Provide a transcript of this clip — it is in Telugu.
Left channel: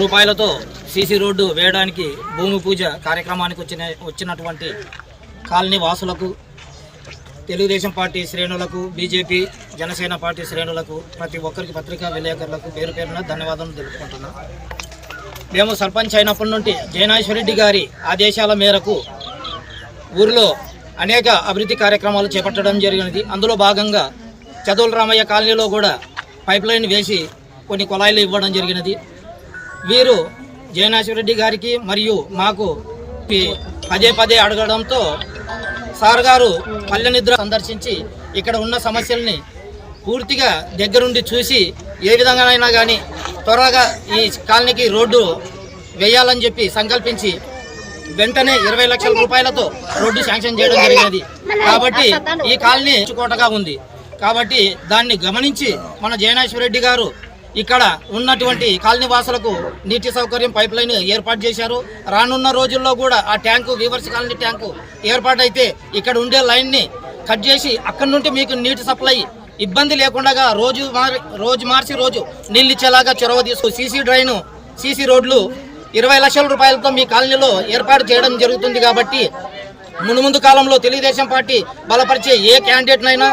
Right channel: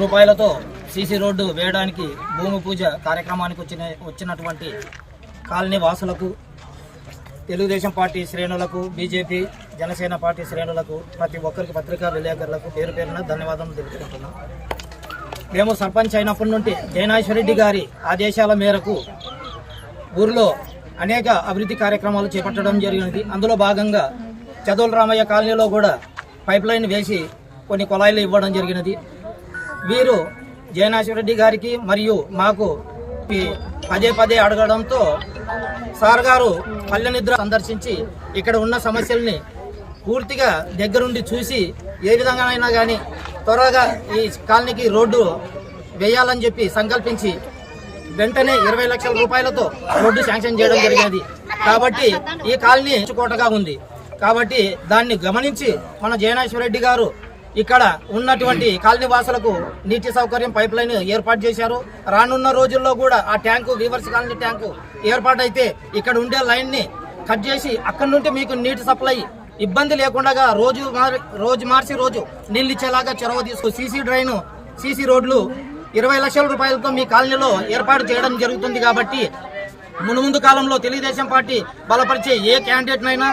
రూపాయలతో సీసీ రోడ్డు వేయడానికి భూమి పూజ కార్యక్రమానికి వచ్చిన వచ్చినటువంటి కాలనీ వాసులకు తెలుగుదేశం పార్టీ శ్రేణులకు బీజేపీ జనసేన పార్టీ శ్రేణులకు ప్రతి ఒక్కరికి పత్రికా విలేకరులకు పేరు పేరున ధన్యవాదాలు తెలుపుకుంటున్నాం. మేము సర్పంచ్ అయినప్పటి నుండి జైనాశ్వరెడ్డి గారి ఆదేశాల మేరకు ఊరిలో అనేక అభివృద్ధి కార్యక్రమాలు చేపట్టడం జరిగినది. అందులో భాగంగా చదువుల రామయ్య కాలనీలో కూడా పైప్ లైన్ వేసి కొన్ని కుళాయిలు ఇవ్వడం జరిగినది. వీరు జయనాశ్వరెడ్డి గారికి మరియు మాకు పదే పదే అడగడంతో సార్ గారు పల్లె నిద్ర సందర్శించి ఇక్కడ ఉన్న సమస్యల్ని పూర్తిగా దగ్గరుండి చూసి ఏ విధంగానైనా కానీ త్వరగా ఈ కాలనీకి రోడ్డు వేయాలని చెప్పి సంకల్పించి వెంటనే ఇరవై లక్షల రూపాయలతో రోడ్డు శాంక్షన్ చేయడం జరిగినది. కాబట్టి ఈ కాలనీ కోటగా ఉంది. కాబట్టి దాన్ని గమనించి మన జయనాశ్వరెడ్డి గారు ఇక్కడ ఉన్నటువంటి కాలనీ వాసులకు నీటి సౌకర్యం పైప్ లైన్ ఏర్పాటు చేశారు. రానున్న రోజుల్లో కూడా ఆ ట్యాంకు వీవర్స్ కాలనీ ట్యాంకు ఏర్పాటైతే ఇక్కడ ఉండే లైన్ని కట్ చేసి అక్కడి నుండి మీకు నీటి సప్లై ఇబ్బంది లేకుండా రోజు మారి రోజు మార్చి రోజు నీళ్ళు ఇచ్చేలాగా చొరవ తీసుకో సీసీ డ్రైన్ సీసీ రోడ్లు ఇరవై లక్షల రూపాయలతో మీ కాలనీలో ఏర్పాటు చేయడం జరుగుతుంది కాబట్టి మును ముందు కాలంలో తెలుగుదేశం పార్టీ బలపరిచే ఏ క్యాండిడేట్నైనా